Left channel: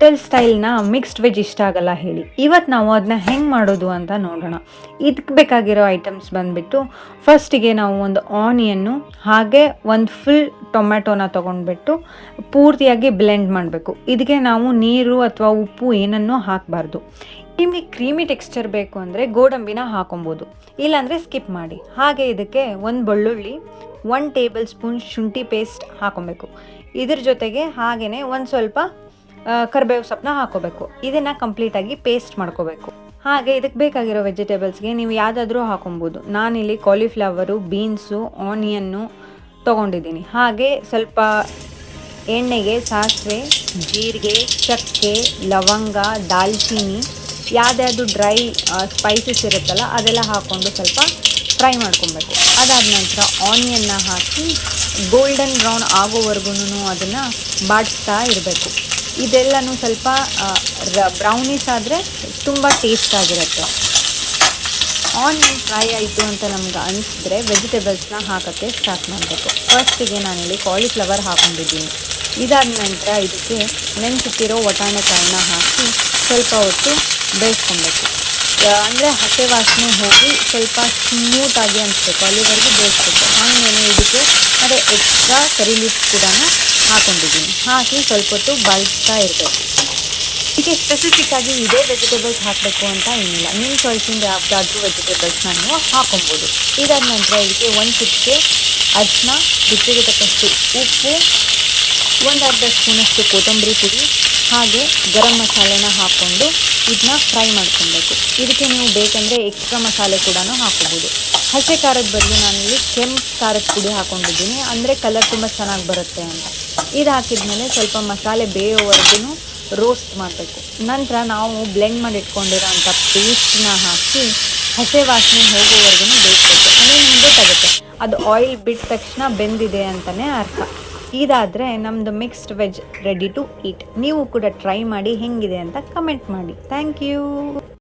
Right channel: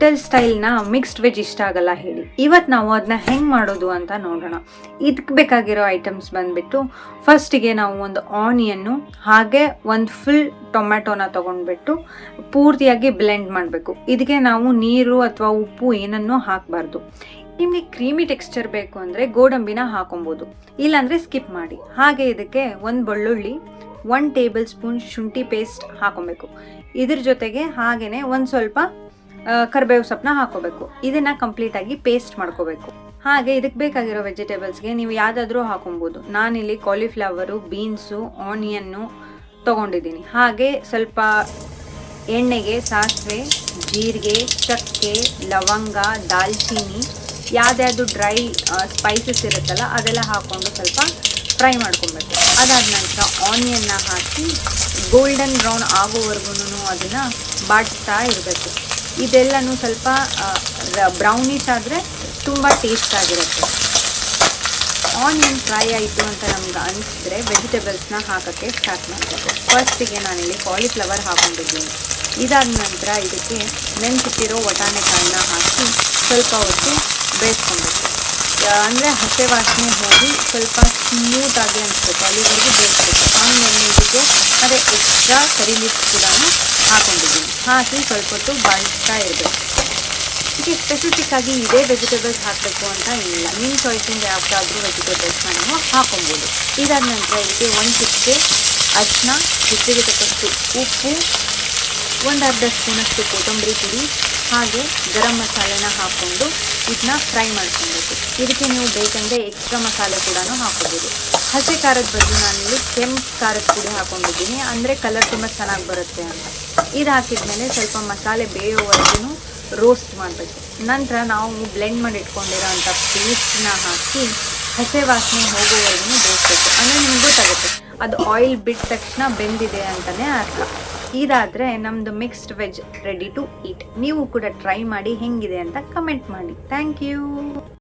Hotel ಸ್ಟೈಲ್ನ mixed veg ಇಷ್ಟ ಆಗಲ್ಲ ಹೇಳಿ. ಇವತ್ತು ನಾವು ಅದನ್ನ ಹೆಂಗೆ ಮಾಡೋದು ಅಂತ ನೋಡೋಣ. ಇದಕ್ಕೆ ಬೇಕಾಗಿರೋ ಐಟಮ್ಸ್ ಬಂದುಬಿಟ್ಟು, ಫಸ್ಟಿಗೆ ನಾವು ಒಂದು ಆನಿಯನ್ನು ಹಾಗೆ ಒಂದು ಫುಲ್ ಟೊಮೆಟೊನ ತೊಗೊಂಡ್ಬಿಟ್ಟು ಪೂರ್ತಿಯಾಗಿ ಬ್ಲೆಂಡ್ ಮಾಡಬೇಕು. ಇದಕ್ಕೆ ನಾವು ನೀರು ಅಥವಾ ಉಪ್ಪು ಏನನ್ನೂ ಹಾಕಬಾರ್ದು. ನಿಮಗೆ ಕ್ರೀಮಿ ಟೆಕ್ಸ್ಚರ್ ಬೇಕು ಅಂದರೆ ಗೋಡಂಬಿನ ಹಾಕೊಬೋದು, ಇಲ್ಲಾಂದರೆ ಸ್ಕಿಪ್ ಮಾಡಿ. ಹಾಗೆ ಇದಕ್ಕೆ ಒಂದು ಬೆಳ್ಳುಳ್ಳಿ, 1 ಟೇಬಲ್ ಸ್ಪೂನ್ ಶುಂಠಿ ಪೇಸ್ಟ್ ಹಾಕೊಬೇಕು. ಇದ್ರ ಜೊತೆಗೆ ಹಾಗೆಯೇ ಒಂದು ಸ್ವಲ್ಪ ಕರಿಬೇವು ಸೊಪ್ಪನ್ನ ಹಾಕೋಬೇಕು. ಇದನ್ನು ಕಂಪ್ಲೀಟಾಗಿ ಪೇಸ್ಟ್ ಮಾಡ್ಕೋಬೇಕು. ಹಾಗೆ ಇದಕ್ಕೆ ಬೇಕಾಗಿರೋ ವೆಜಿಟೇಬಲ್ಸ್ಗೆ ನೀವು ಯಾವುದಾದ್ರೂ ಹಾಕೊಬೋದು. ನಾನಿಲ್ಲಿ ಕಾಲಿಫ್ಲವರು, ಬೀನ್ಸು, ಆನಿಯನ್ನು ತೊಗೊಂಡಿದ್ದೀನಿ. ಹಾಗೆ ಸ್ವಲ್ಪ ಎಣ್ಣೆಗೆ ಸಾಸಿವೆ, ಜೀರಿಗೆ, ಚಕ್ಕೆ, ಲವಂಗ, ದಾಲ್ಚೀನಿ, ಯಾವುದ್ಯಾವುದು ಡ್ರೈ ಸ್ಪೈಸಸ್ ಇರುತ್ತಲ್ಲ ಅದೆಲ್ಲ ಹಾಕ್ಕೊಂಡು ಸ್ವಲ್ಪ ಫ್ರೈ ಮಾಡ್ಕೊಬೇಕು. ಅದಾದ ನಂತರ ಆನಿಯನ್ನ ಹಾಕಿ ಗೋಲ್ಡನ್ ಬ್ರೌನ್ ಆಗೋವರೆಗೂ ಅದನ್ನು ಬಾಡಿಸ್ತಾ ಇರಬೇಕು. ಇದೆಲ್ಲನೂ ಸ್ವಲ್ಪ ಬ್ರೌನಿಶ್ ಆದರೆ ತುಂಬ ಟೇಸ್ಟ್ ಆಗಿರುತ್ತೆ. ಆನಿಯನ್ ಫ್ರೈ ಆಯಿತು ಅಂತ ನಮ್ಗೆ ಅನಿಸಿದ್ರೆ ವೆಜಿಟೇಬಲ್ಸ್ನ ಹಾಕೋಕ್ಕೆ ಸ್ಟಾರ್ಟ್ ಮಾಡಬೇಕು. ಫಸ್ಟಿಗೆ ನಾನಿಲ್ಲಿ ಕಾಲಿಫ್ಲವರ್ ಹಾಕೊಂಡಿದ್ದೀನಿ. ಇದಾದ ನಂತರ ಇದಕ್ಕೆ ನೆನೆಸಿಟ್ಟಿರೋ ವಟಾಣೆಕಾಳನ್ನ ಹಾಕಿ ಸ್ವಲ್ಪ ಹೊತ್ತು ಬೇಯಿಸ್ಕೊಬೇಕು. ಅಂದರೆ ಹಸಿ ವಾಸನೆ ಹೋಗಿ ಸ್ವಲ್ಪ ಸ್ಮೂತಾಗಿ ಅನಿಸುತ್ತೆ, ಅಲ್ಲಿವರೆಗೂ ಬೇಯಿಸ್ಬೇಕು. ಆಮೇಲೆ ಇದಕ್ಕೆ ಅದೇ ಎಕ್ಸ್ಟ್ರಾ ಕರಿ ಲೀಫ್ಸ್ ಕೂಡ ಹಾಕೊಂಡಿದ್ದೀನಿ. ಹಾಕಿ ಸ್ವಲ್ಪ ಹೊತ್ತು ಬಾಳಿಸ್ತಾ ಇರಬೇಕು. ಇದಕ್ಕೆ ಸ್ಪೆಸಿಫಿಕ್ಕಾಗಿ ಇದೇ ವೆಜಿಟೇಬಲ್ಸ್ ಹಾಕಬೇಕು ಅಂತ ಏನಿಲ್ಲ, ನಿಮ್ಮ ಚಾಯ್ಸಿಂದ ಯಾವುದಾದ್ರೂ ವೆಜಿಟೇಬಲ್ಸ್ನ ನೀವು ಹಾಕೊಬೋದು. ಇದಾದ ನಂತರ ಇದಕ್ಕೆ 1 ಚಿಟಿಕೆ ಅರಿಶಿನ, ರುಚಿಗೆ ತಕ್ಕಷ್ಟು ಉಪ್ಪು, 1/2 ಸ್ಪೂನಷ್ಟು ಕೊತ್ತಂಬರಿ ಪುಡಿ, ಹಾಗೆ ಗರಂ ಮಸಾಲೆನ ಹಾಕ್ಕೊಂಡು ಇದನ್ನ ಫ್ರೈ ಮಾಡ್ಕೊಬೇಕು. ಇದಕ್ಕೆ ನೀವು ಬೇಕಂದರೆ ಎಕ್ಸ್ಟ್ರಾ ಮಸಾಲೆ ಕೂಡ ಹಾಕೋಬೋದು. ಹಸಿ ಖಾರದ ಬದಲು ನಾನಿಲ್ಲಿ ಕೆಂಪು ಖಾರದ ಪುಡಿ ಹಾಕ್ಕೊಂಡಿದ್ದೀನಿ, ಅಂದರೆ ಕಲರ್ ತುಂಬ ಚೆನ್ನಾಗಿ ಬರುತ್ತೆ ಅಂತ. ಇದು ಹಾಕಿದ್ಮೇಲೆ ಸ್ವಲ್ಪ ಮಸಾಲೆ ಬೇಯೋವರೆಗೂ ರೋಸ್ಟ್ ಮಾಡಬೇಕು. ನಂತರ ನಾವು ಬ್ಲೆಂಡ್ ಮಾಡಿ ಇಟ್ಕೊಂಡಿರೋಂಥ ಪೇಸ್ಟನ್ನ ಹಾಕಿ ಹಸಿ ವಾಸನೆ ಹೋಗೋವರೆಗೂ ಬೇಯಿಸಬೇಕು. ಅಂದರೆ ನಿಮ್ಗೆ ಗೊತ್ತಾಗುತ್ತೆ ಅದು ಆಯಿಲ್ ಬಿಟ್ಟ ತಕ್ಷಣ ಬೆಂದಿದೆ ಅಂತಲೇ ಅರ್ಥ. ಇದಾದರೆ ನಮ್ಮದು mixed veg ready to eat. ನೀವು ಕೂಡ ಟ್ರೈ ಮಾಡಿ ಹೆಂಗಿದೆ ಅಂತ ಕಮೆಂಟ್ ಮಾಡಿ. Thank you.